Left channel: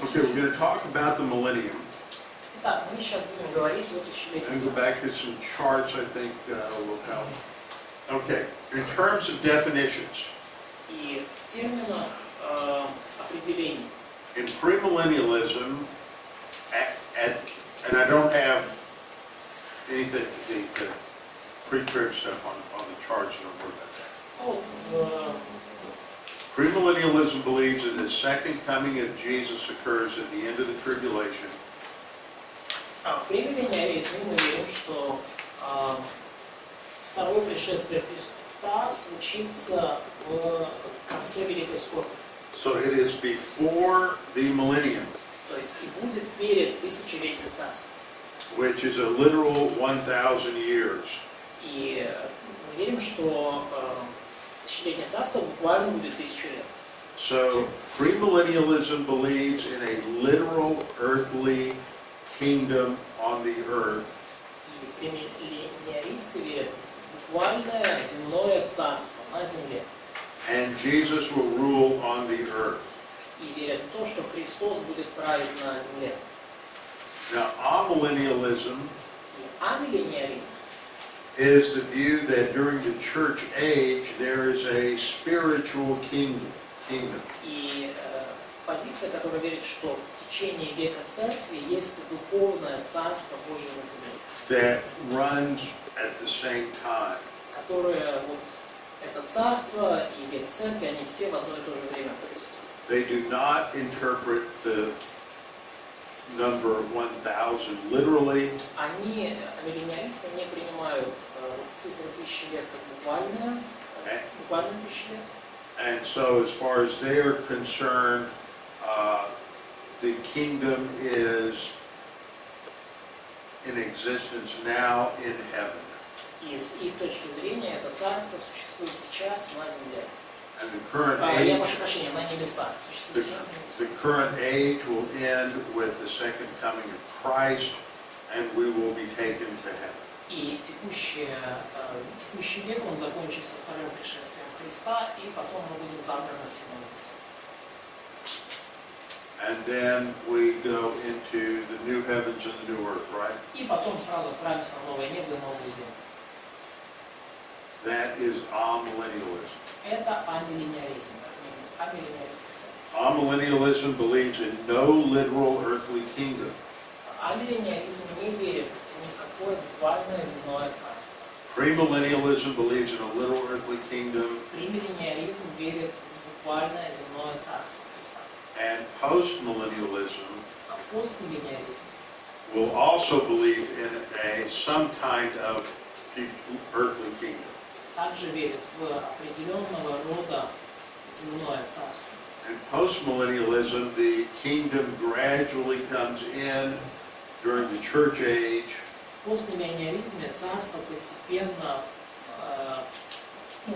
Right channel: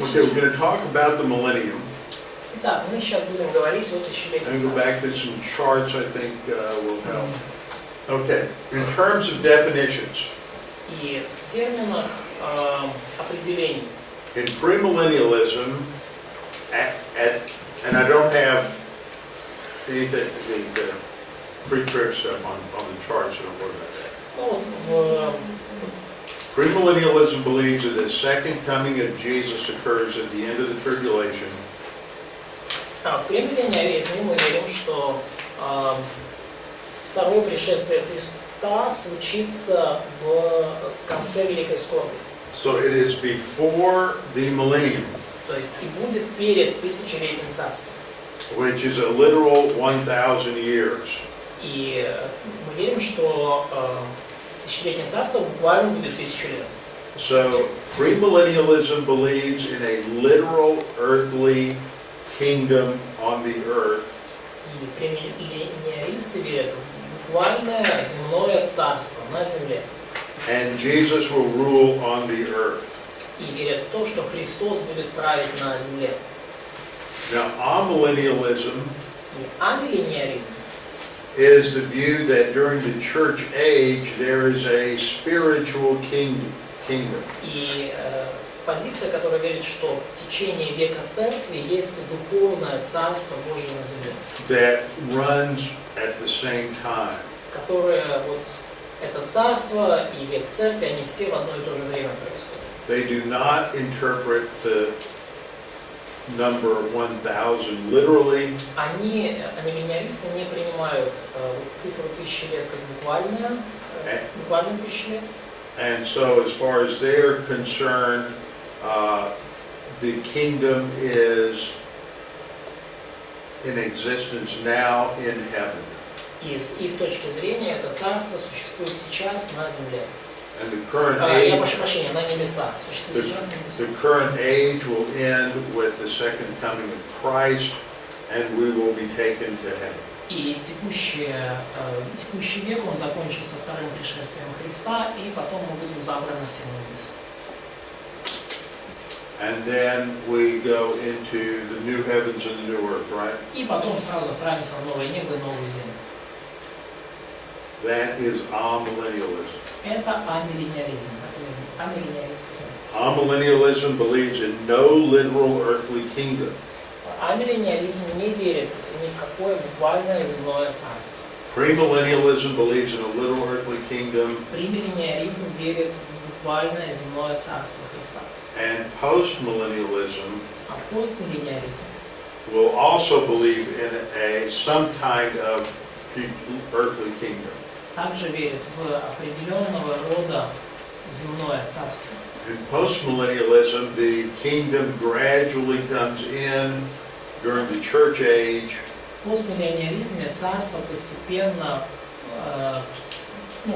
Okay, we're going to talk about the millennium. Итак, мы сейчас будем говорить о тысячелетии And go царства. back to some charts I think will help. Okay, in terms of definitions, И в терминах определений. in premillennialism, and I don't have anything, the pre-trib stuff on the charts, so don't worry about that. Ну, вот, Premillennialism believes that the second coming of Jesus occurs at the end of the tribulation. в премиллениализме мы верим, что второе пришествие Христа случится в конце Великой Скорби. So it is before the millennium, То есть и будет перед тысячелетним царством. which is a literal 1,000 years. И мы верим, что тысячелетнее царство буквально будет 1000 лет. So premillennialism believes in a literal earthly kingdom on the earth. И премиллениалисты верят в буквальное земное царство на земле. And Jesus will rule on the earth. И верят в то, что Христос будет править на земле. Now, amillennialism И амиллениализм is the view that during the church age there is a spiritual kingdom. и позиция, которая верит, что в течение века церкви есть духовное царство Божье на земле, That runs at the same time. которое вот это царство и век церкви, они все в одно и то же время происходят. They do not interpret the number 1,000 literally. Они, амиллениалисты, не принимают цифру 1000 лет как буквальную 1000 лет. And so as far as they're concerned, the kingdom is in existence now in heaven. И с их точки зрения это царство существует сейчас на земле. And the current Я age, прошу прощения, на небесах. Существует сейчас на the небесах. current age will end with the second coming of Christ, and we will be taken to heaven. И текущий век, он закончится вторым пришествием Христа, и потом мы будем забраны все на небеса. And then we go into the new heavens and the new earth, right? И потом сразу отправимся в новое небо и новую землю. That is amillennialism. Это амиллениализм. Амиллениалистская позиция. Amillennialism believes in no literal earthly kingdom. Амиллениализм не верит ни в какое буквальное земное царство. Premillennialism believes in a literal earthly kingdom. Премиллениализм верит в буквальное земное царство Христа. And postmillennialism А постмиллениализм will also believe in some kind of earthly kingdom. также верит в определенного рода земное царство. In postmillennialism, the kingdom gradually comes in during the church age. В постмиллениализме царство постепенно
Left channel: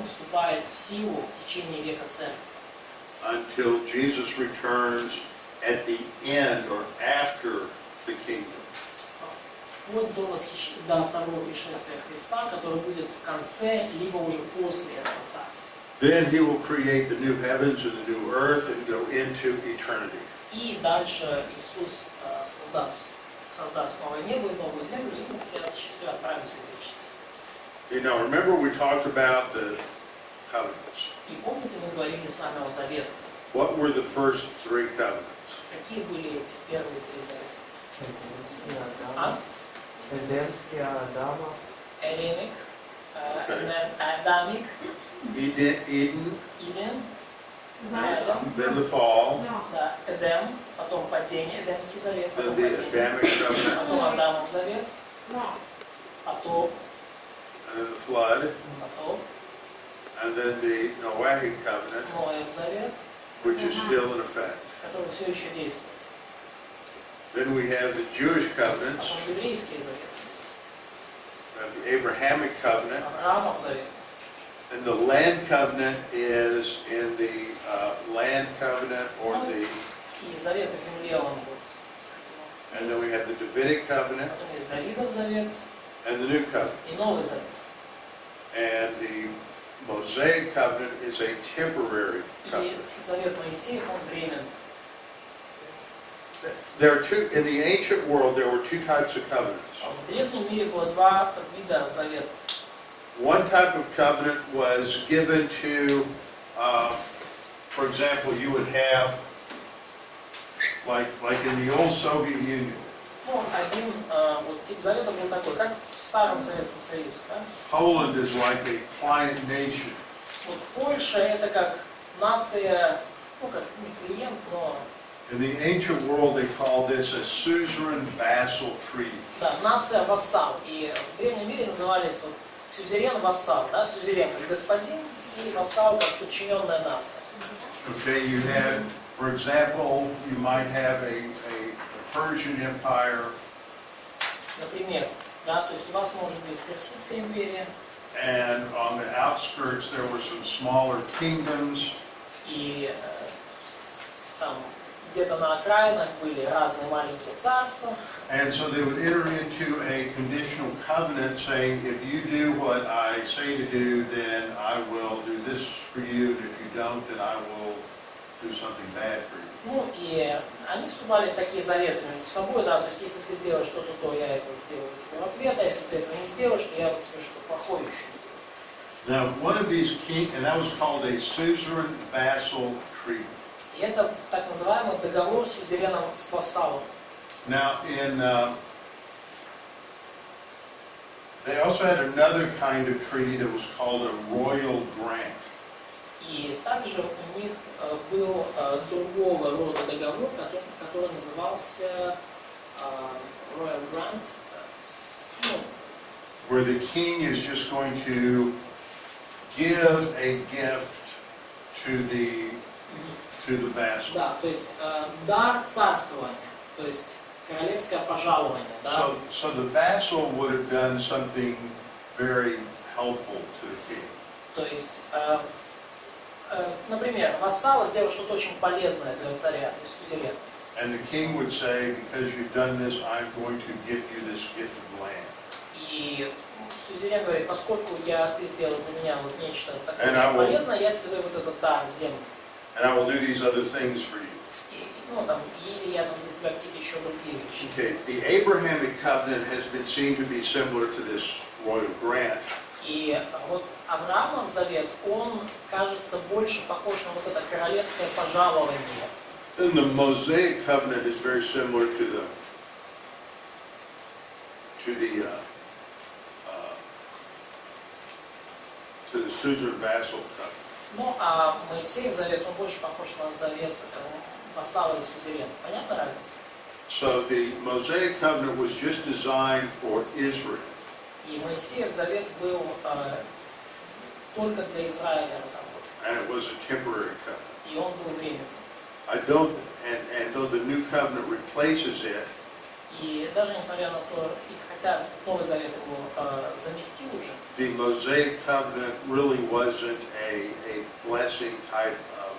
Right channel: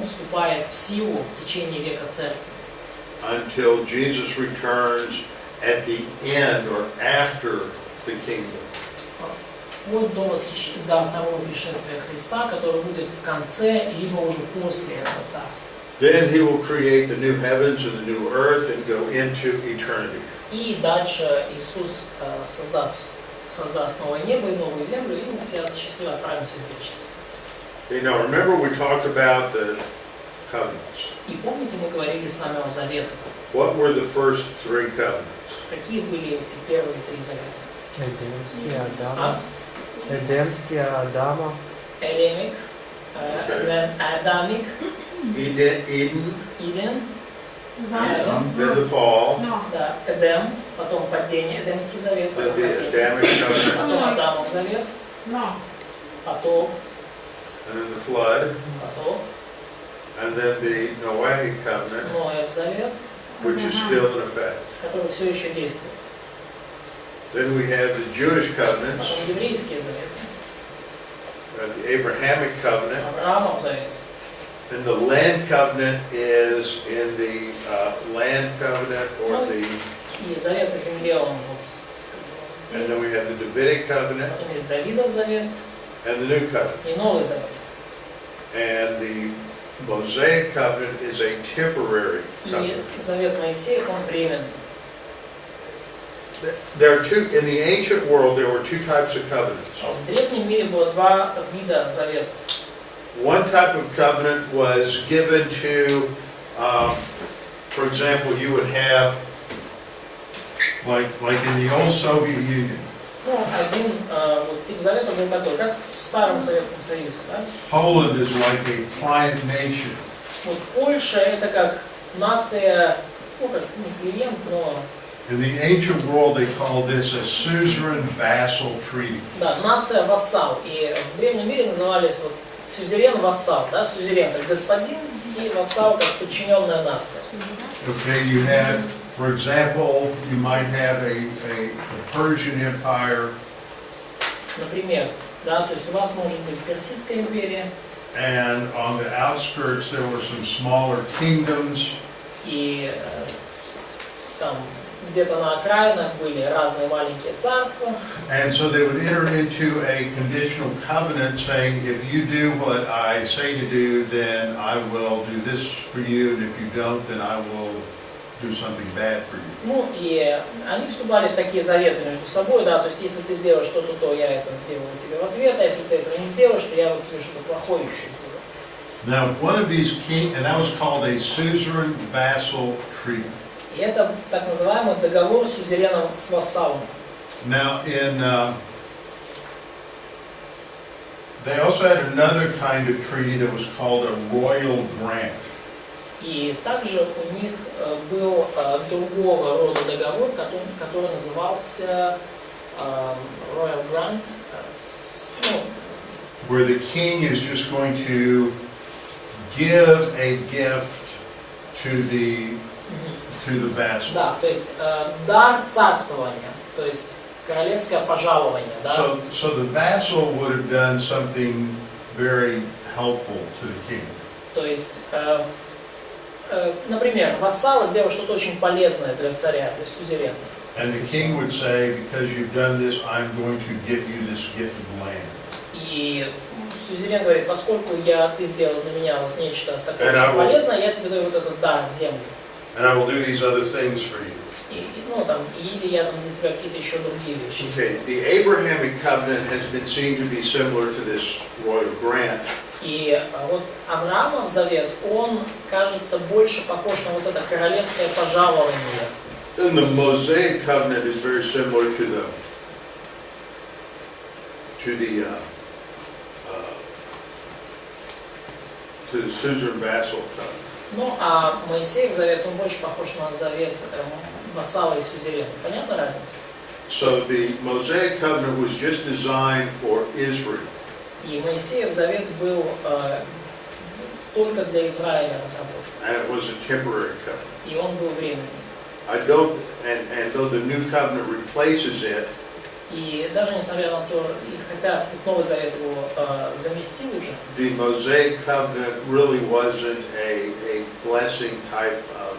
вступает в силу в течение века церкви. Until Jesus returns at the end or after the kingdom. Вплоть до второго пришествия Христа, который будет в конце, либо уже после этого царства. Then he will create the new heavens and the new earth and go into eternity. И дальше Иисус создаст новое небо и новую землю, и мы все счастливо отправимся в вечность. You know, remember we talked about the covenants. И помните, мы говорили с вами о заветах. What were the first three covenants? Какие были эти первые 3 завета? Эдемский Адама. Элемик, Okay. Адамик, Eden, Иден, then the fall, да, Эдем, потом падение, Эдемский завет, then потом the падение, Adamic covenant, потом Адамов завет, потом, and then the flood, and then the Noahic covenant, Ноев завет, which is still in effect. который все еще действует. Then we have the Jewish covenants, Потом еврейские заветы, the Abrahamic covenant, Авраамов завет. and the land covenant is in the land covenant or the, И завет о земле он вот and then we здесь. have the Davidic covenant Потом есть Давидов завет and the new covenant. и Новый завет. And the Mosaic covenant is a temporary И covenant. завет Моисеев, он временный. there are two, in the ancient world, there were two types of covenants. В древнем мире было два вида заветов. One type of covenant was given to, for example, you would have, like in the old Soviet Union, Ну, один вот, тип завета был такой, как в старом Советском Союзе. Да? Poland is like a client nation. Вот Польша это как нация, ну как не клиент, но In the ancient world, they called this a suzerain vassal treaty. да, нация-вассал. И в древнем мире назывались вот сюзерен-вассал. Да? Сюзерен как господин и вассал как подчиненная нация. Okay, you had, for example, you might have a Persian Empire, Например, да, то есть у вас может быть Персидская империя, and on the outskirts there were some smaller kingdoms, и там где-то на окраинах были разные маленькие царства. and so they would enter into a conditional covenant saying, if you do what I say to do, then I will do this for you, and if you don't, then I will do something bad for you. Ну и они вступали в такие заветы между собой, да, то есть если ты сделаешь что-то, то я это сделаю тебе в ответ, а если ты этого не сделаешь, то я вот тебе что-то плохое еще сделаю. Now, one of these and that was called a suzerain vassal treaty. И это так называемый договор с сюзереном с вассалом. Now, they also had another kind of treaty that was called a royal grant. И также у них был другого рода договор, который назывался Royal Grant, ну, Where the king is just going to give a gift to the vassal. да, то есть дар царствования, то есть королевское пожалование, да. So the vassal would have done something very helpful to the king. То есть, например, вассал сделал что-то очень полезное для царя, то есть сюзерена. And the king would say, because you've done this, I'm going to give you this gift of land. И сюзерен говорит, поскольку ты сделал для меня вот нечто такое And очень полезное, я тебе даю вот этот дар, землю. And I will do these other things for you. Ну, там, или я там для тебя какие-то еще другие вещи. Okay, the Abrahamic covenant has been seen to be similar to this royal grant. И вот Авраамов завет, он кажется больше похож на вот это королевское пожалование. And the Mosaic covenant is very similar to the suzerain vassal covenant. Ну, а Моисеев завет, он больше похож на завет вассала и сюзерена. Понятна разница? So the Mosaic covenant was just designed for Israel. И Моисеев завет был только для Израиля разработан. And it was a temporary covenant. И он был временным. And though the new covenant replaces it, И даже несмотря на то, и хотя Новый Завет его заместил уже, the Mosaic covenant really wasn't a blessing type of,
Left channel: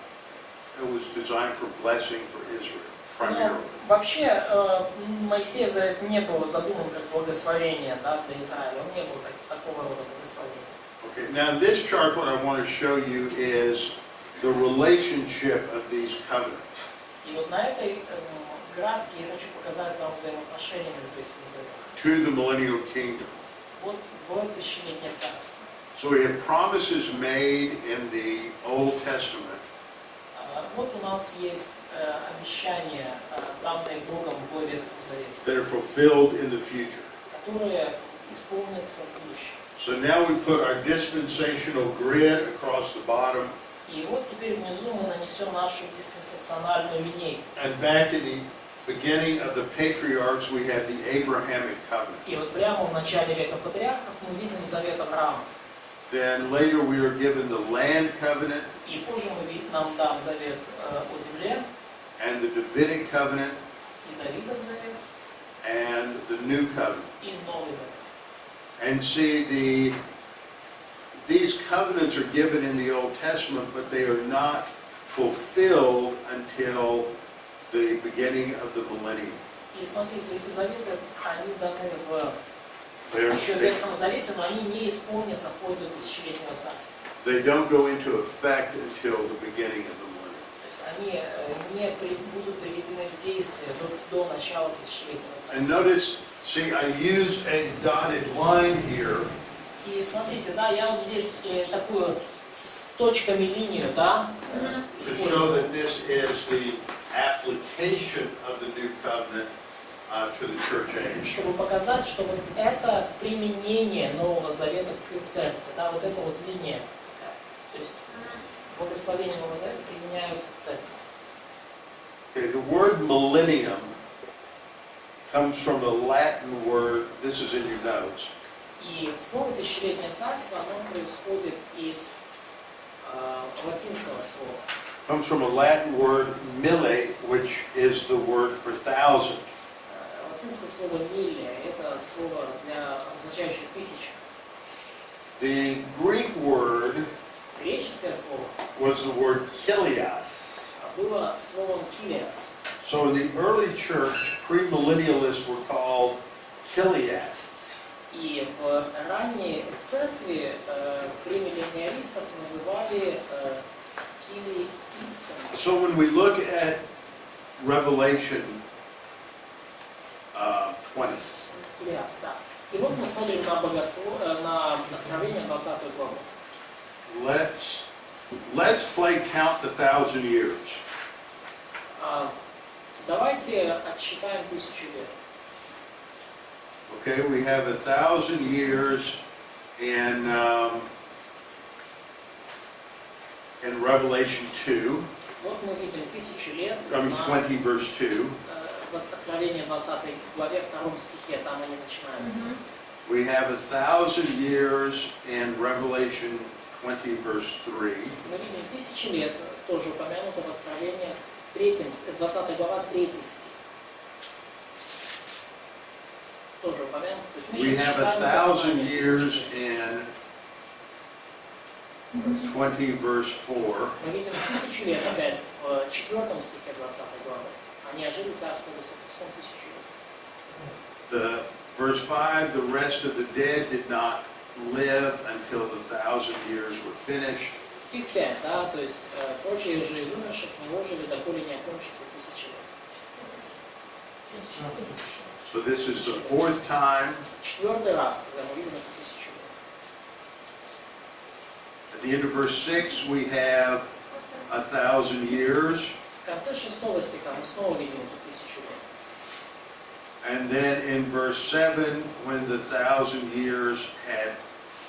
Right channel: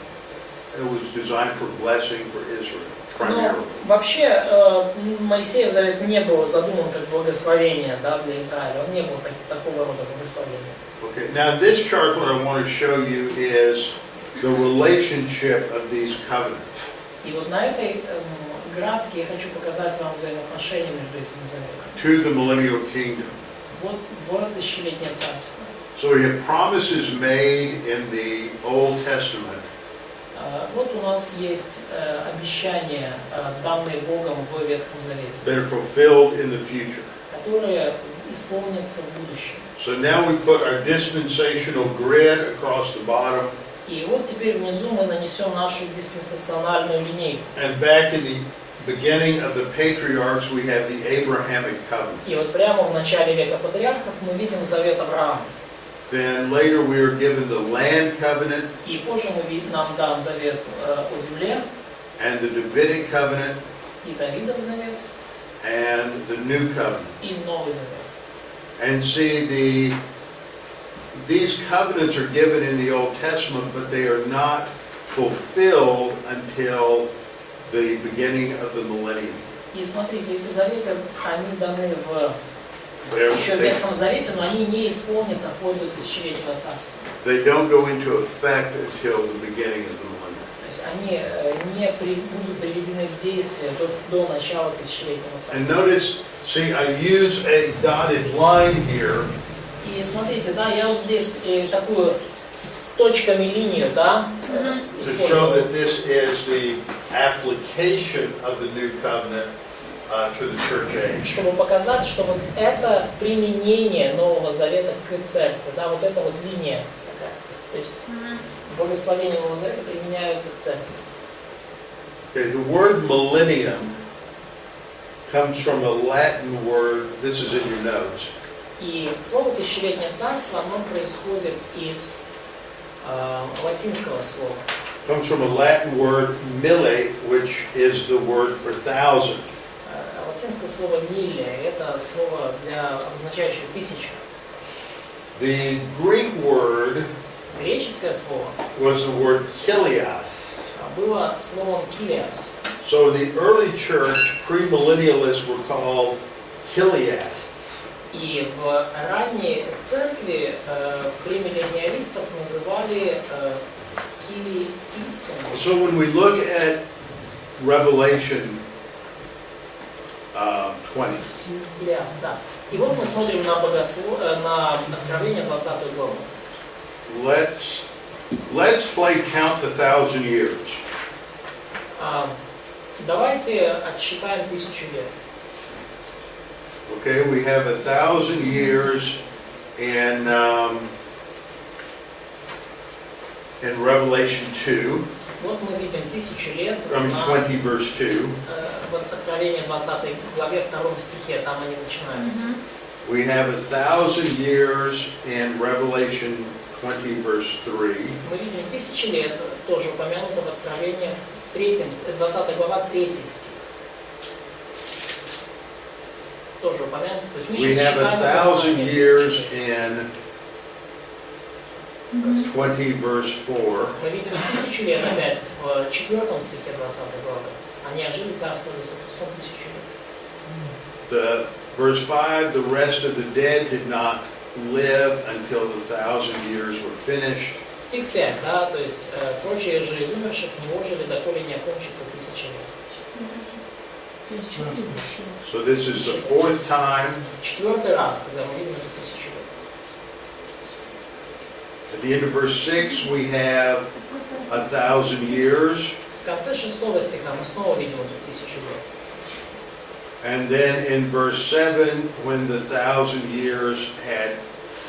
it was designed for blessing for Israel, primarily. но вообще Моисеев завет не был задуман как благословение, да, для Израиля. Он не был такого рода благословения. Okay, now this chart, what I want to show you is the relationship of these covenants. И вот на этой графике я хочу показать вам взаимоотношения между этими заветами. To the millennial kingdom. Вот в тысячелетнее царство. So we have promises made in the Old Testament Вот у нас есть обещания, данные Богом в Ветхом Завете, that are fulfilled in the future. которые исполнятся в будущем. So now we put our dispensational grid across the bottom. И вот теперь внизу мы нанесем нашу диспенсациональную линейку. And back in the beginning of the patriarchs, we have the Abrahamic covenant. И вот прямо в начале века патриархов мы видим завет Авраама. Then later we are given the land covenant И позже нам дан завет о земле, and the Davidic covenant и Давидов завет, and the new covenant. и Новый завет. And see, these covenants are given in the Old Testament, but they are not fulfilled until the beginning of the millennium. И смотрите, эти заветы, они даны They're- еще в They, Ветхом Завете, но они не исполнятся вплоть до тысячелетнего царства. they don't go into effect until the beginning of the millennium. То есть они будут приведены в действие до начала тысячелетнего And царства. notice, see, I use a dotted line here И смотрите, да, я вот здесь такую с точками линию, да, to show использовал. that this is the application of the new covenant to the church age. Чтобы показать, что вот это применение Нового Завета к церкви, да, вот эта вот линия такая. То есть благословения Нового Завета применяются к церкви. Okay, the word millennium comes from a Latin word, this is in your notes, И слово «тысячелетнее царство», оно происходит из латинского слова. comes from a Latin word mille, which is the word for thousand. Латинское слово «милле» — это слово, обозначающее тысячу. The Greek word Греческое слово was the word kilios. было словом «килиас». So in the early church, premillennialists were called kiliasts. И в ранней церкви премиллениалистов называли килиистами. So when we look at Revelation 20, Килиас, да. И вот мы смотрим на Откровение 20 главу. let's play count the 1,000 years. Давайте отсчитаем 1000 лет. Okay, we have 1,000 years in Revelation 2, Вот мы видим 1000 лет I mean 20 verse 2. в Откровении 20 главе 2 стихе, там они начинаются. We have 1,000 years in Revelation 20 verse 3. Мы видим 1000 лет, тоже упомянуто в Откровении 20 глава 3 стих. Тоже упомянуто. То есть мы We сейчас have считаем 1,000 1000 years лет. in 20 verse 4. Мы видим 1000 лет опять в 4 стихе 20 главы. Они ожили царствовали со Христом 1000 лет. The verse 5, the rest of the dead did not live until the 1,000 years were finished. Стих 5, да, то есть прочие же из умерших не ожили, доколе не окончится 1000 лет. So this is the fourth time. 4-й раз, когда мы видим эту 1000 лет. At the end of verse 6, we have 1,000 years. В конце 6 стиха мы снова видим эту 1000 лет. And then in verse 7, when the 1,000 years had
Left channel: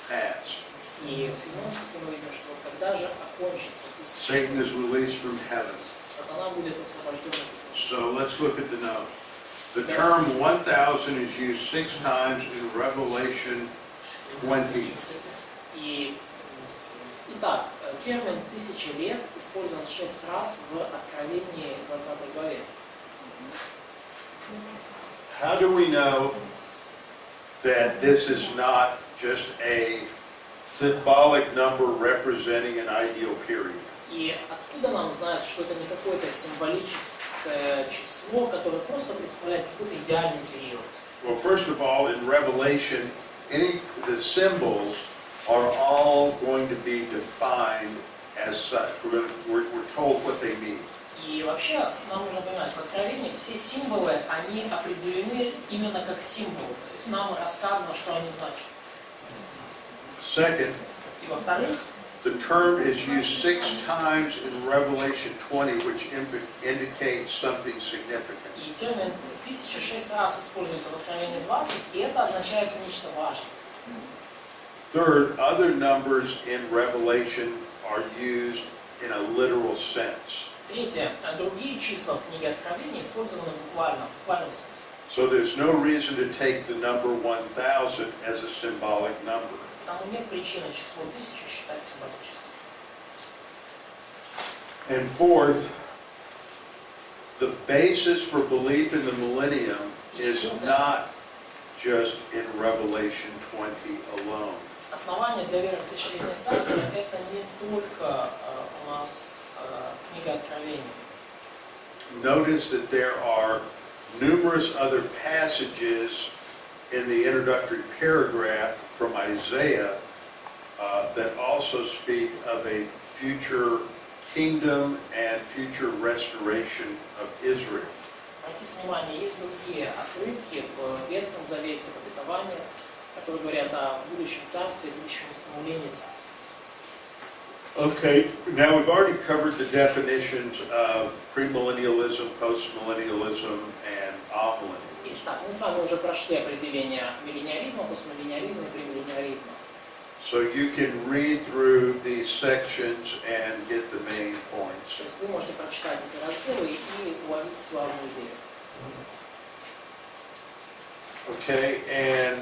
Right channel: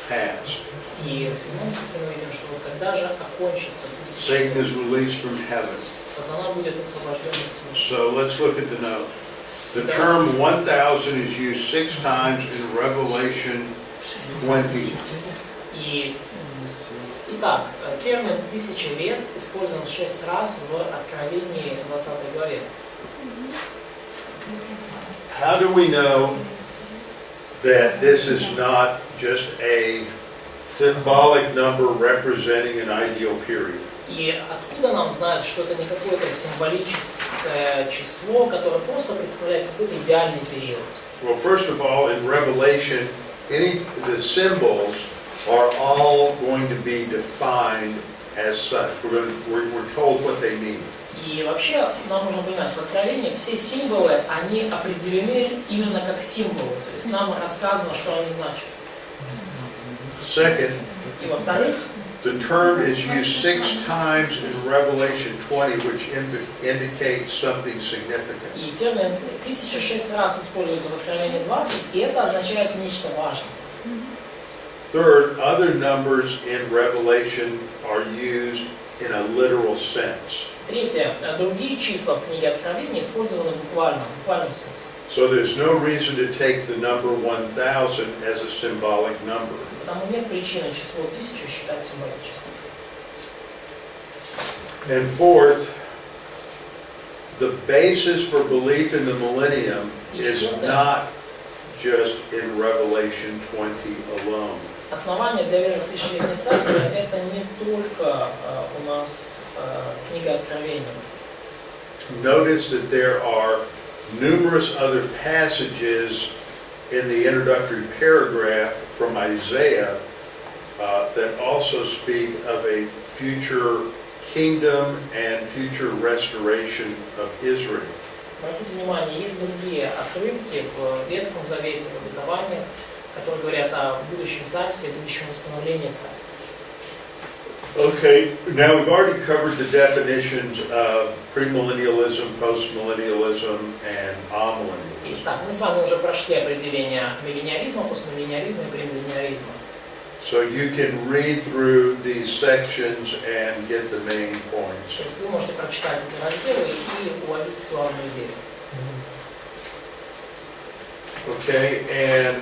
passed, И в 7 стихе мы видим, что вот когда же окончится 1000 Satan лет, is released from heaven. сатана будет освобожден из тьмы. So let's look at the note. The term 1,000 is used 6 times in Revelation 20. Итак, термин 1000 лет использован 6 раз в Откровении 20 главе. How do we know that this is not just a symbolic number representing an ideal period? И откуда нам знать, что это не какое-то символическое число, которое просто представляет какой-то идеальный период? Well, first of all, in Revelation, the symbols are all going to be defined as such. We're told what they mean. И вообще нам нужно понимать, в Откровении все символы, они определены именно как символы. То есть нам рассказано, что они значат. Second, И во-вторых, the term is used 6 times in Revelation 20, which indicates something significant. и термин 1006 раз используется в Откровении 20, и это означает нечто важное. Third, other numbers in Revelation are used in a literal sense. Третье. Другие числа в книге Откровения использованы в буквальном смысле. So there's no reason to take the number 1,000 as a symbolic number. Потому нет причины число 1000 считать символическим. And fourth, the basis for belief in the millennium is not just in Revelation 20 alone. Основание для веры в тысячелетнее царство — это не только у нас книга Откровения. Notice that there are numerous other passages in the introductory paragraph from Isaiah that also speak of a future kingdom and future restoration of Israel. Обратите внимание, есть другие отрывки в Ветхом Завете, в обетованиях, которые говорят о будущем царстве, будущем восстановлении царства. Okay, now we've already covered the definitions of premillennialism, postmillennialism, and amillennialism. Итак, мы с вами уже прошли определение миллениализма, постмиллениализма и премиллениализма. So you can read through these sections and get the main points. То есть вы можете прочитать эти разделы и уловить главную идею. Okay, and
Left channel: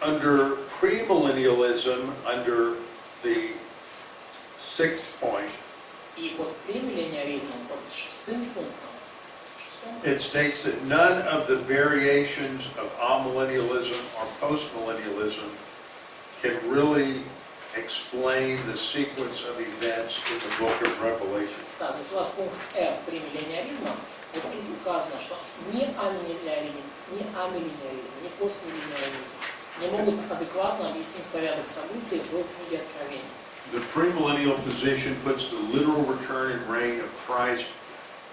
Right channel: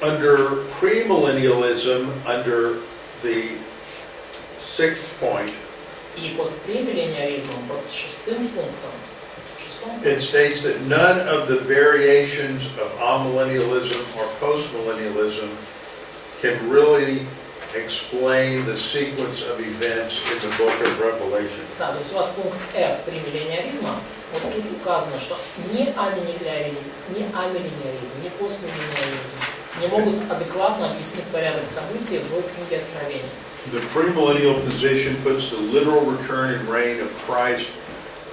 under premillennialism, under the 6th point, И под премиллениализмом, под шестым пунктом, it states that none of the variations of amillennialism or postmillennialism can really explain the sequence of events in the book of Revelation. да, то есть у вас пункт F премиллениализма, вот тут указано, что ни амиллениализм, ни постмиллениализм не могут адекватно объяснить порядок событий в книге Откровения. The premillennial position puts the literal return and reign of Christ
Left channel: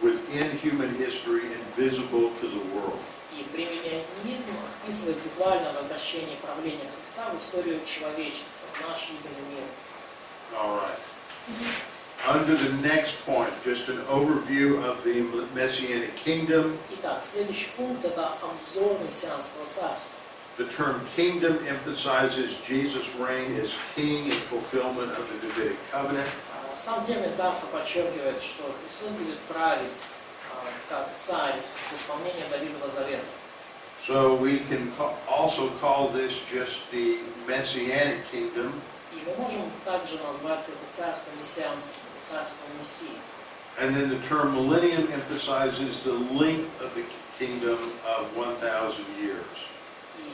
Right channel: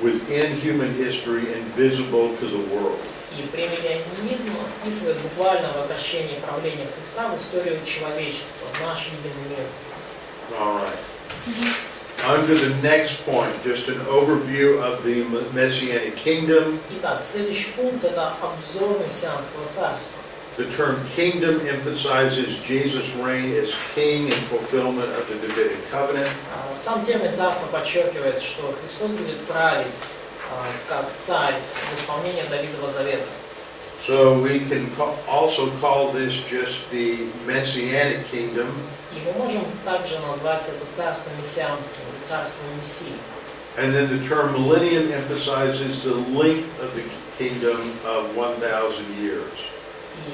within human history and visible to the world. И премиллениализм описывает буквально возвращение правления Христа в историю человечества, в наш видимый мир. All right. Under the next point, just an overview of the Messianic kingdom. Итак, следующий пункт – это обзор мессианского царства. The term kingdom emphasizes Jesus' reign as king in fulfillment of the Davidic covenant. Сам термин «царство» подчеркивает, что Христос будет править как царь в исполнении Давидова Завета. So we can also call this just the Messianic kingdom. И мы можем также назвать это царство мессианским, царство Мессии. And then the term millennium emphasizes the length of the kingdom of 1,000 years.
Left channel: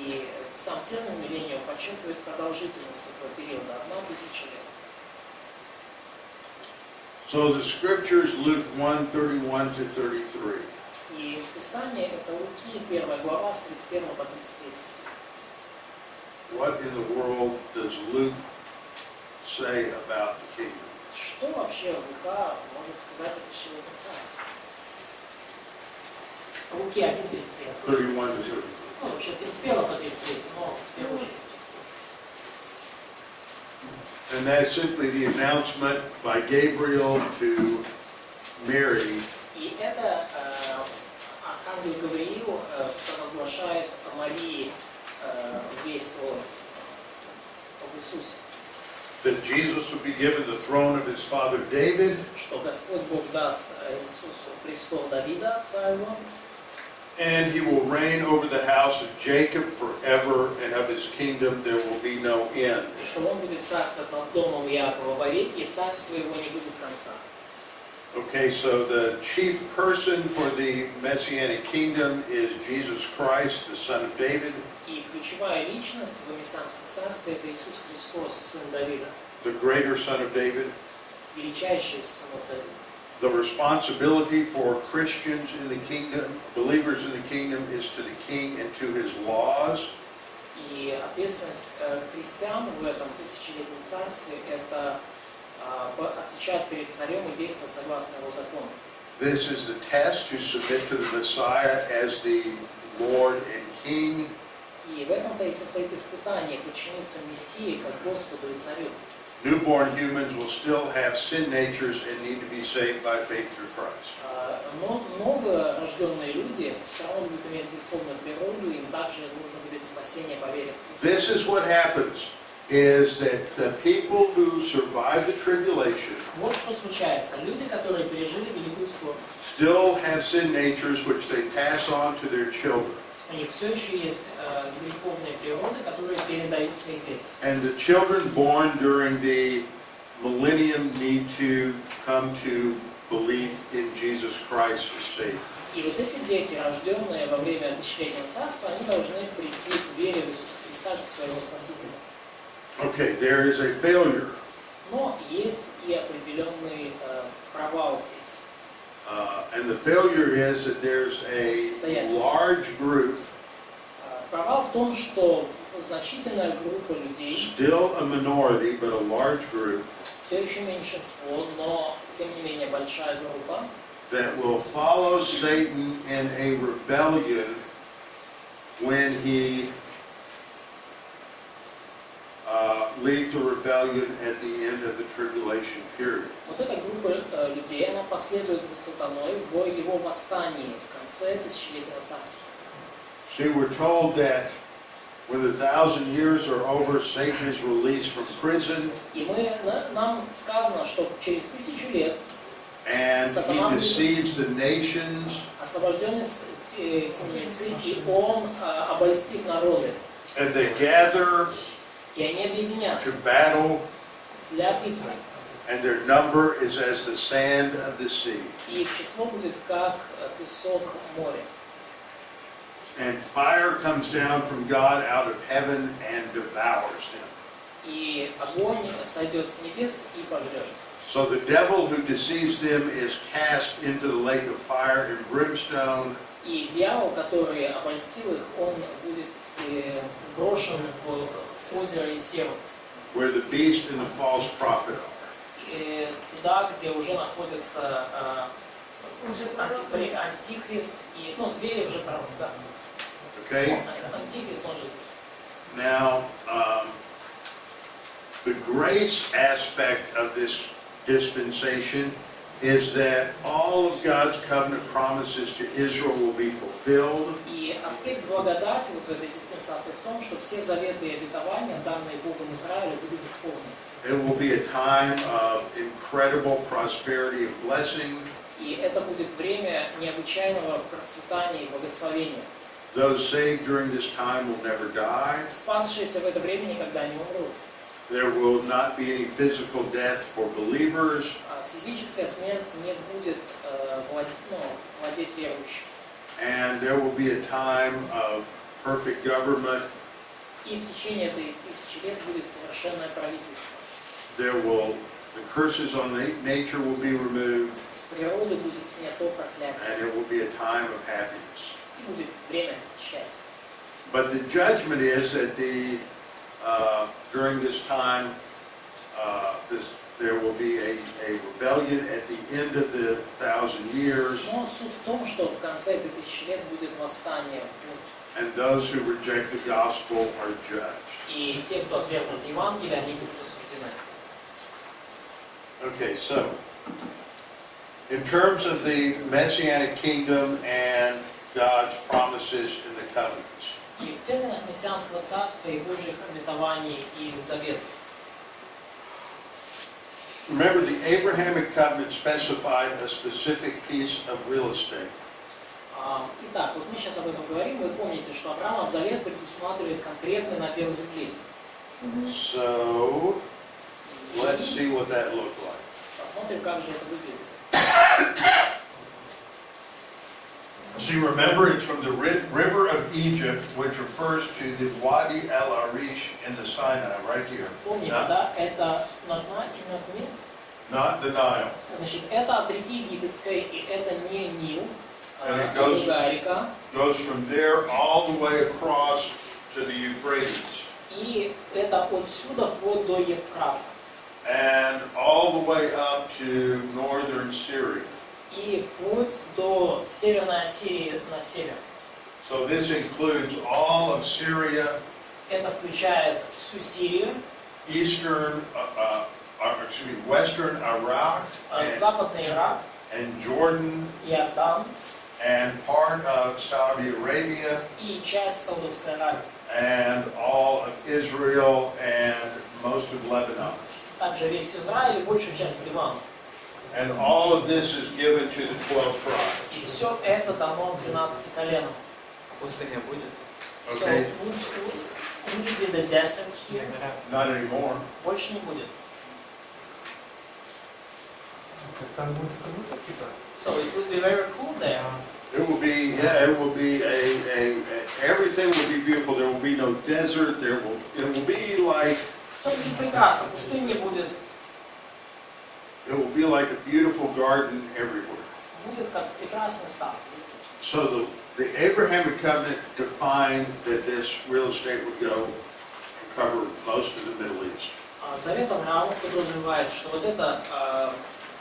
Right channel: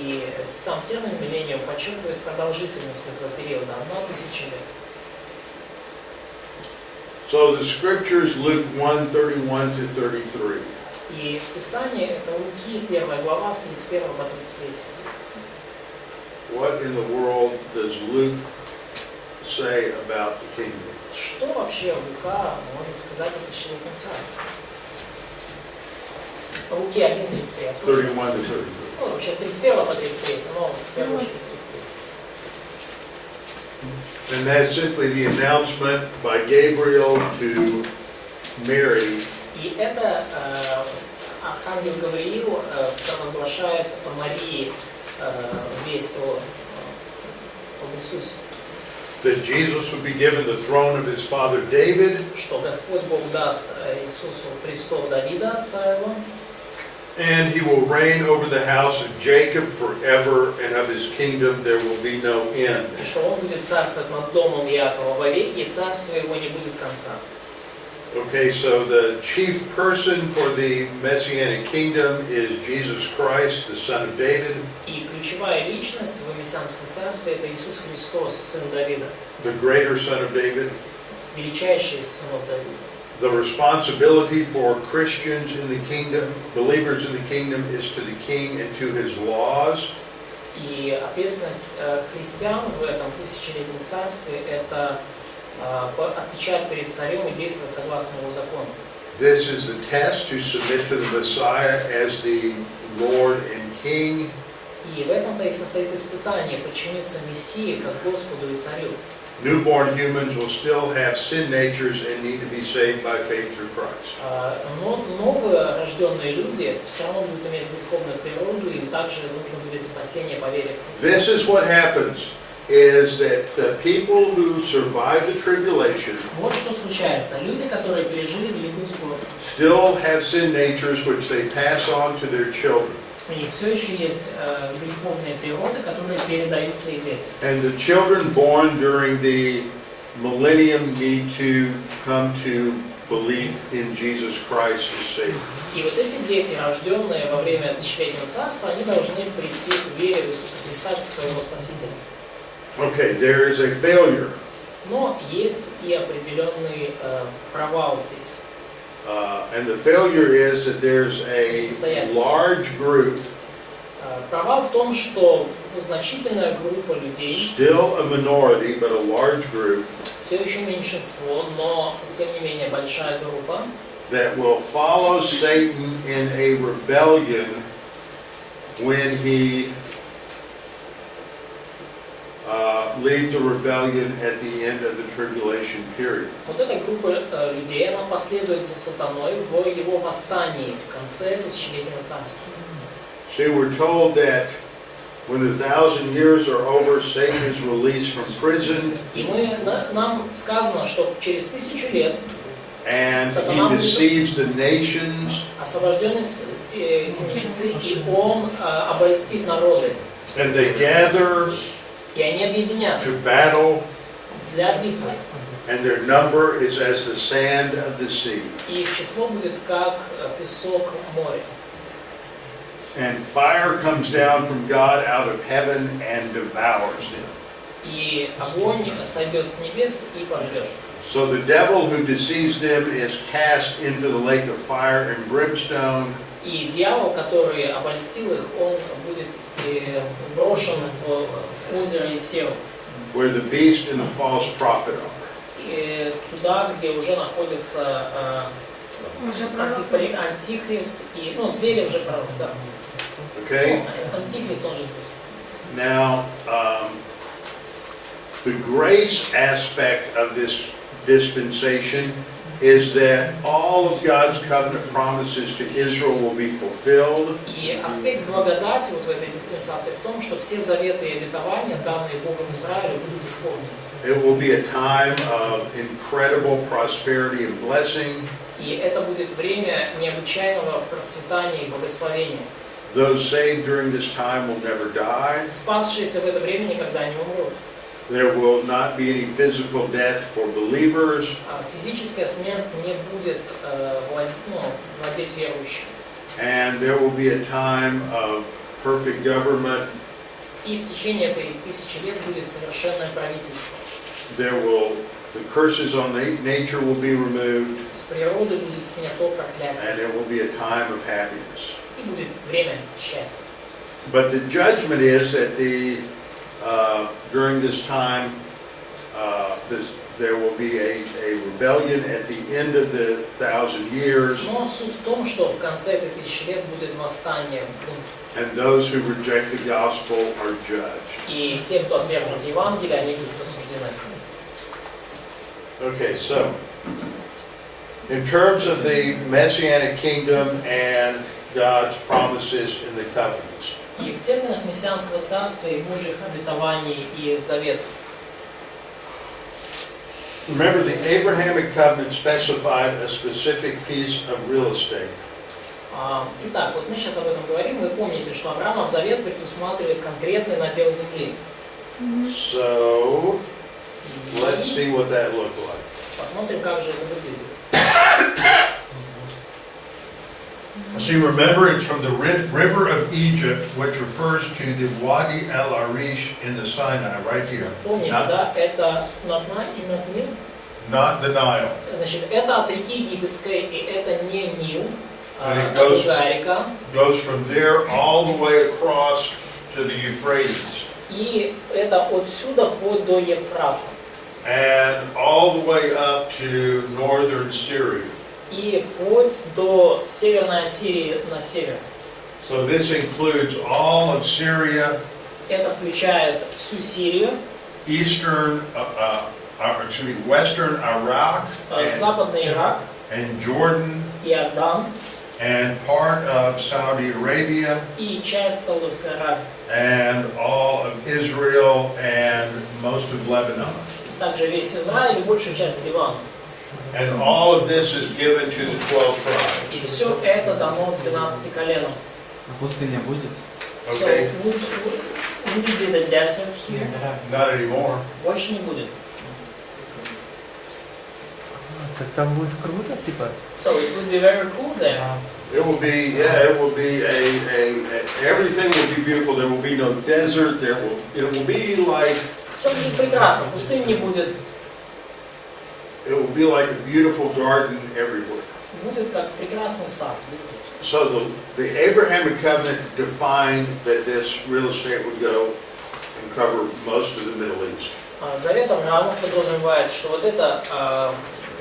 И сам термин «миллениум» подчеркивает продолжительность этого периода – 1000 лет. So the scriptures, Luke 1:31 to 33. И в Писании это Луки, 1 глава, с 31 по 33 стих. What in the world does Luke say about the kingdom? Что вообще Лука может сказать о тысячелетнем царстве? Луки 1:33. 31 to 33. Ну, вообще с 31 по 33, но в первую очередь 33. And that's simply the announcement by Gabriel to Mary И это ангел Гавриил провозглашает Марии весть об Иисусе. that Jesus would be given the throne of his father David, Что Господь Бог даст Иисусу престол Давида, отца его, and he will reign over the house of Jacob forever, and of his kingdom there will be no end. и что он будет царствовать над домом Иакова вовеки, и царство его не будет конца. Okay, so the chief person for the Messianic kingdom is Jesus Christ, the son of David. И ключевая личность в мессианском царстве – это Иисус Христос, сын Давида, The greater son of David. величайший из сынов Давида. The responsibility for Christians in the kingdom, believers in the kingdom, is to the king and to his laws. И ответственность христиан в этом тысячелетнем царстве – это отвечать перед царем и действовать согласно его закону. This is the test to submit to the Messiah as the Lord and King. И в этом-то и состоит испытание подчиниться Мессии как Господу и Царю. Newborn humans will still have sin natures and need to be saved by faith through Christ. Но новые рожденные люди все равно будут иметь духовную природу, им также нужно будет спасение по вере в Христа. This is what happens, is that the people who survive the tribulation Вот что случается. Люди, которые пережили великую скорбь, still have sin natures which they pass on to their children. у них все еще есть греховные природы, которые передаются их детям. And the children born during the millennium need to come to belief in Jesus Christ as Savior. И вот эти дети, рожденные во время тысячелетнего царства, они должны прийти к вере в Иисуса Христа как своего Спасителя. Okay, there is a failure. Но есть и определенный провал здесь. And the failure is that there's a large group Провал в том, что значительная группа людей, still a minority, but a large group, все еще меньшинство, но тем не менее большая группа, that will follow Satan in a rebellion when he leads a rebellion at the end of the tribulation period. вот эта группа людей, она последует за сатаной в его восстании в конце тысячелетнего царства. See, we're told that when the 1,000 years are over, Satan is released from prison, И нам сказано, что через 1000 лет and he deceives the nations, освобожденный темницы, и он обольстит народы. and they gather И они объединятся to battle, для битвы. and their number is as the sand of the sea. И их число будет как песок моря. And fire comes down from God out of heaven and devours them. И огонь сойдет с небес и пожрет. So the devil who deceives them is cast into the lake of fire and brimstone, И дьявол, который обольстил их, он будет сброшен в озеро Исеу. where the beast and the false prophet are. И туда, где уже находится антихрист и, звери уже пророк, да. Okay? Антихрист, он же зверь. Now, the grace aspect of this dispensation is that all of God's covenant promises to Israel will be fulfilled. И аспект благодати вот в этой диспенсации в том, что все заветы и обетования, данные Богом Израилю, будут исполнены. It will be a time of incredible prosperity and blessing. И это будет время необычайного процветания и благословения. Those saved during this time will never die. Спасшиеся в это время никогда не умрут. There will not be any physical death for believers. Физическая смерть не будет владеть верующим. And there will be a time of perfect government. И в течение этой 1000 лет будет совершенное правительство. The curses on nature will be removed. С природы будет снято проклятие. And it will be a time of happiness. И будет время счастья. But the judgment is that during this time, there will be a rebellion at the end of the 1,000 years. Но суть в том, что в конце этой 1000 лет будет восстание, бунт. And those who reject the gospel are judged. И те, кто отвергнут Евангелие, они будут осуждены. Okay, so in terms of the Messianic kingdom and God's promises in the covenants. И в терминах мессианского царства и Божьих обетований и заветов. Remember, the Abrahamic covenant specified a specific piece of real estate. Итак, вот мы сейчас об этом говорим. Вы помните, что Авраамов завет предусматривает конкретный надел земли. So, let's see what that looked like. Посмотрим, как же это выглядит. See, remember, it's from the river of Egypt, which refers to the Wadi el-Arish in the Sinai, right here. Помните, да? Это not Nile. Not the Nile. Значит, это от реки Египетской, и это не Нил, And it это другая река. goes from there all the way across to the Euphrates. И это отсюда вплоть до Ефрата. And all the way up to northern Syria. И вплоть до Северной Ассирии на север. So this includes all of Syria, Это включает всю Сирию, Western Iraq, Западный Ирак, and Jordan, Иордан and part of Saudi Arabia, и часть Саудовской Аравии. and all of Israel and most of Lebanon. Также весь Израиль и большую часть Ливана. And all of this is given to the 12 И tribes. все это дано 12 коленам. А пустыня будет? Okay? So, would it be the desert here? Not anymore. Больше не будет. Так там будет круто, типа? So it would be very cool there. It will be, it will be everything will be beautiful. There will be no desert. It will be like, Все будет прекрасно, пустынь не будет. it will be like a beautiful garden everywhere. будет как прекрасный сад везде. So the Abrahamic covenant defined that this real estate would go and cover most of the Middle East. Завет Авраама подразумевает, что вот это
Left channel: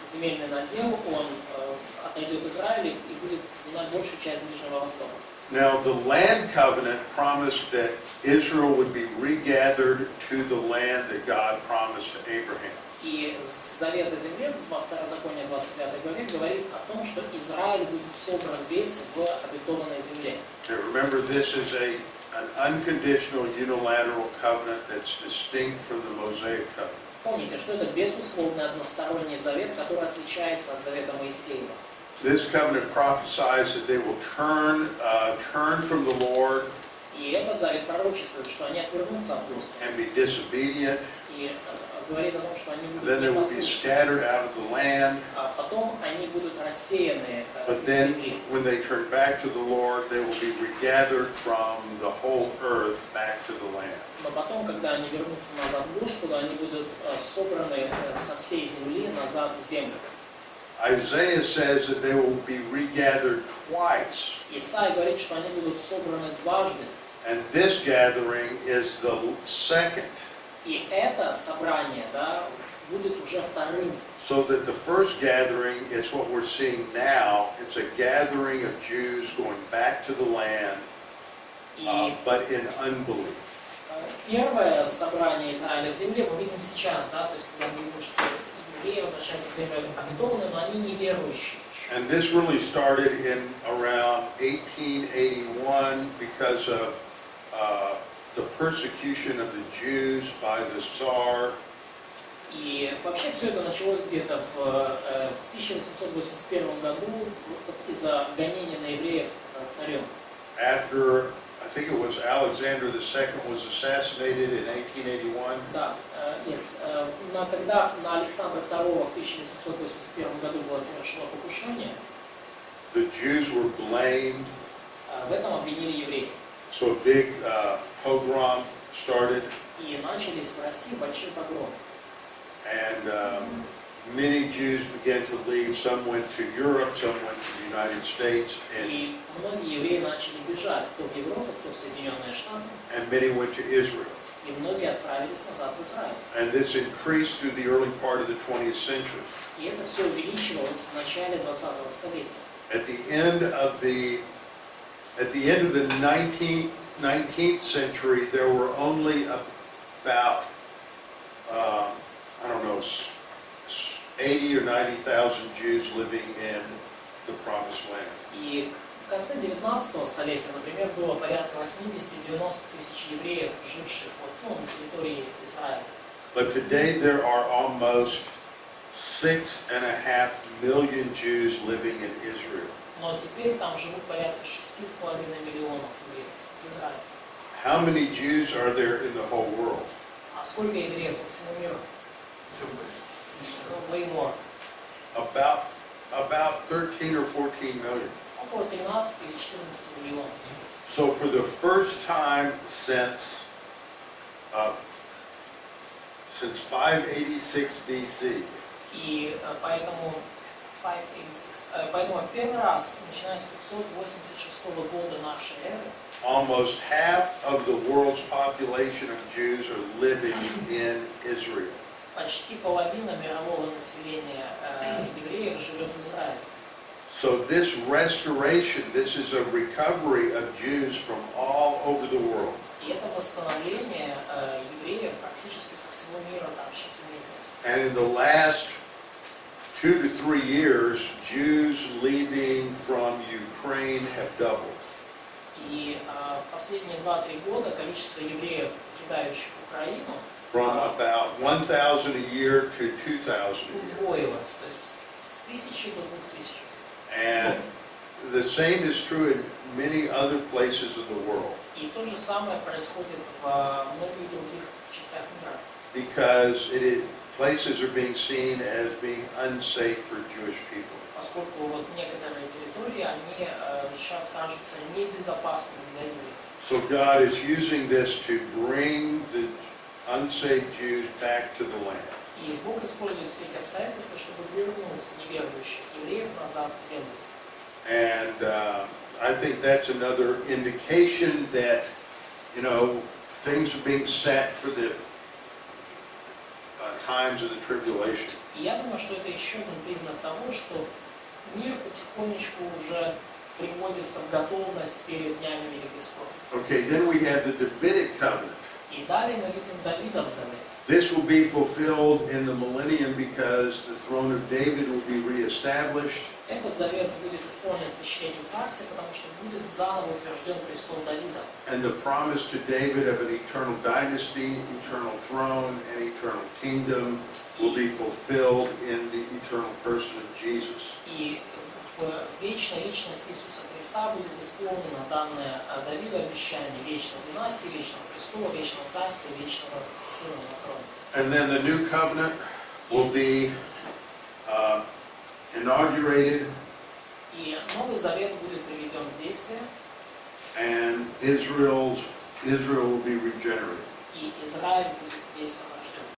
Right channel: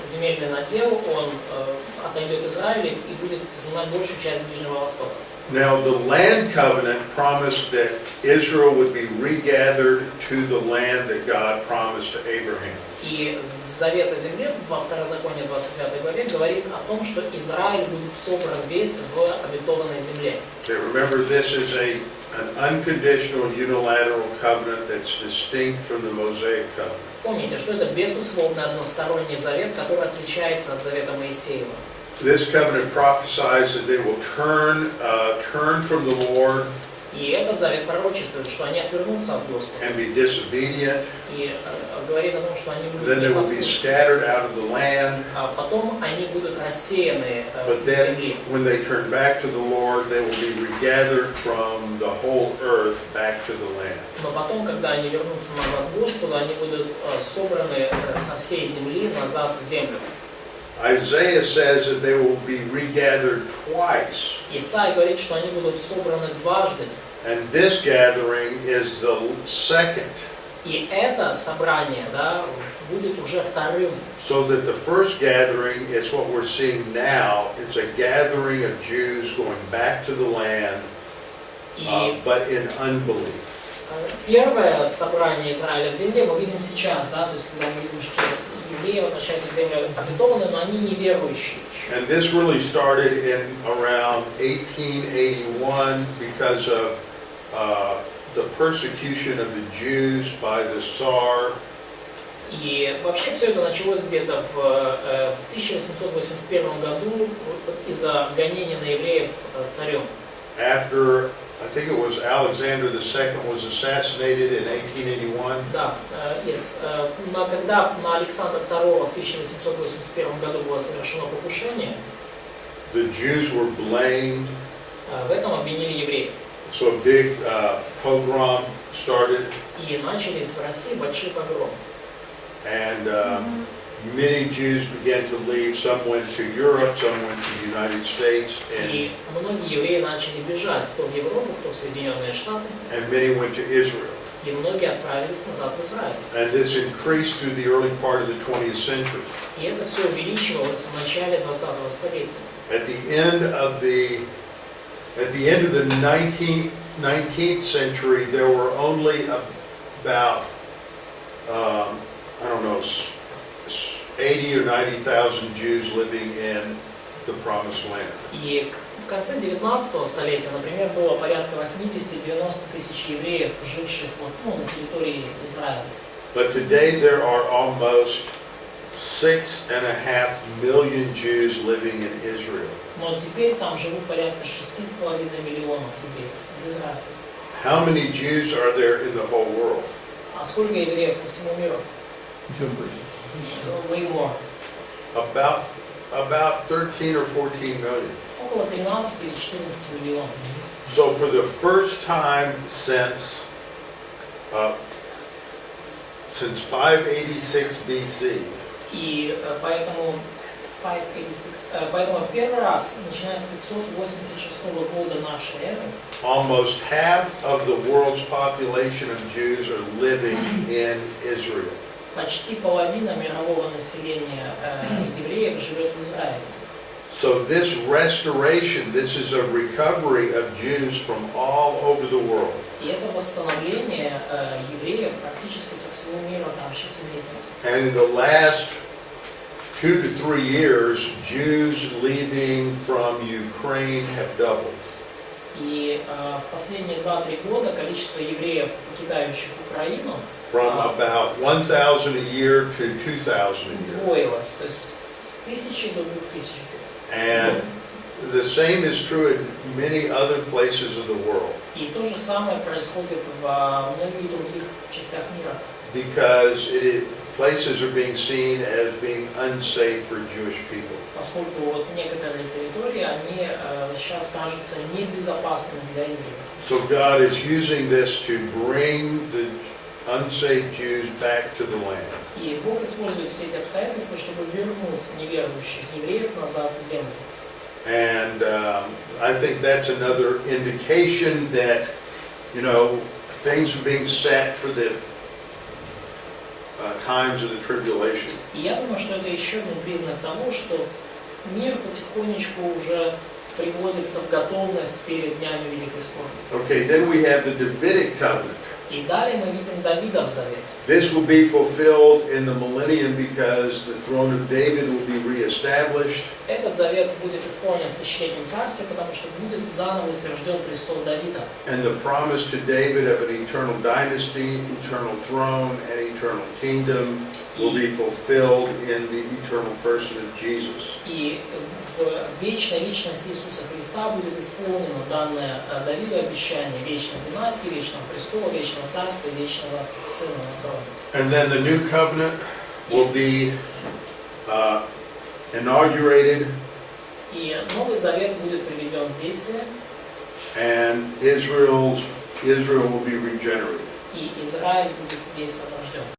земельный надел, он отойдет Израилю и будет занимать большую часть Ближнего Востока. Now the land covenant promised that Israel would be regathered to the land that God promised to Abraham. И Завет о земле во Второзаконии 25 главе говорит о том, что Израиль будет собран весь в обетованной земле. Okay, remember, this is an unconditional unilateral covenant that's distinct from the Mosaic covenant. Помните, что это безусловный односторонний завет, который отличается от завета Моисеева. This covenant prophesies that they will turn from the Lord И этот завет пророчествует, что они отвернутся от Господа. and be disobedient. И говорит о том, что они будут Then they will be непослушны. scattered out of the land. А потом они будут рассеяны But из then, земли. when they turn back to the Lord, they will be regathered from the whole earth back to the land. Но потом, когда они вернутся назад к Господу, они будут собраны со всей земли назад в землю. Isaiah says that they will be regathered twice. Исаия говорит, что они будут собраны дважды. And this gathering is the second. И это собрание, да, будет уже вторым. So that the first gathering is what we're seeing now. It's a gathering of Jews going back to the land, И but in unbelief. первое собрание Израиля в земле мы видим сейчас, да, то есть когда мы видим, что евреи возвращаются в землю обетованную, но они неверующие еще. And this really started in around 1881 because of the persecution of the Jews by the Tsar. И вообще все это началось где-то в 1881 году из-за гонения на евреев царем. After, I think it was Alexander II was assassinated in 1881. Да, когда на Александра II в 1881 году было совершено покушение, The Jews were blamed. в этом обвинили евреев. So a big pogrom started, И начались в России большие погромы. and many Jews began to leave. Some went to Europe, some went to the United States, И многие евреи начали бежать, кто в Европу, кто в Соединенные Штаты, and many went to Israel. и многие отправились назад в Израиль. And this increased through the early part of the 20th century. И это все увеличивалось в начале 20-го столетия. At the end of the 19th century, there were only about, I don't know, 80 or 90,000 Jews living in the Promised Land. И в конце 19-го столетия, например, было порядка 80-90 тысяч евреев, живших на территории Израиля. But today there are almost 6.5 million Jews living in Israel. Но теперь там живут порядка 6,5 миллионов евреев в Израиле. How many Jews are there in the whole world? А сколько евреев по всему миру? Еще больше. Way more. About 13 or 14 million. Около 13 или 14 миллионов. So for the first time since 586 BC, И поэтому в первый раз, начиная с 586 года нашей эры, almost half of the world's population of Jews are living in Israel. почти половина мирового населения евреев живет в Израиле. So this restoration, this is a recovery of Jews from all over the world. И это восстановление евреев практически со всего мира, там сейчас имеет место. And in the last 2 to 3 years, Jews leaving from Ukraine have doubled. И в последние 2-3 года количество евреев, покидающих Украину, From about 1,000 a year to 2,000 a year. удвоилось, то есть с 1000 до 2000. And the same is true in many other places of the world. И то же самое происходит в многих других частях мира. Because places are being seen as being unsafe for Jewish people. Поскольку вот некоторые территории, они сейчас кажутся небезопасными для евреев. So God is using this to bring the unsaved Jews back to the land. И Бог использует все эти обстоятельства, чтобы вернуть неверующих евреев назад в землю. And I think that's another indication that, you know, things are being set for the times of the tribulation. И я думаю, что это еще один признак того, что мир потихонечку уже приводится в готовность перед днями Великой Скорби. Okay, then we have the Davidic covenant. И далее мы видим Давида в Завете. This will be fulfilled in the millennium because the throne of David will be reestablished. Этот завет будет исполнен в тысячелетнем царстве, потому что будет заново утвержден престол Давида. And the promise to David of an eternal dynasty, eternal throne, and eternal kingdom will be fulfilled in the eternal person of Jesus. И в вечной личности Иисуса Христа будет исполнено данное Давиду обещание вечной династии, вечного престола, вечного царства, вечного сына на троне. And then the new covenant will be inaugurated, И Новый Завет будет приведен в действие, and Israel will be regenerated. и Израиль будет весь возрожден.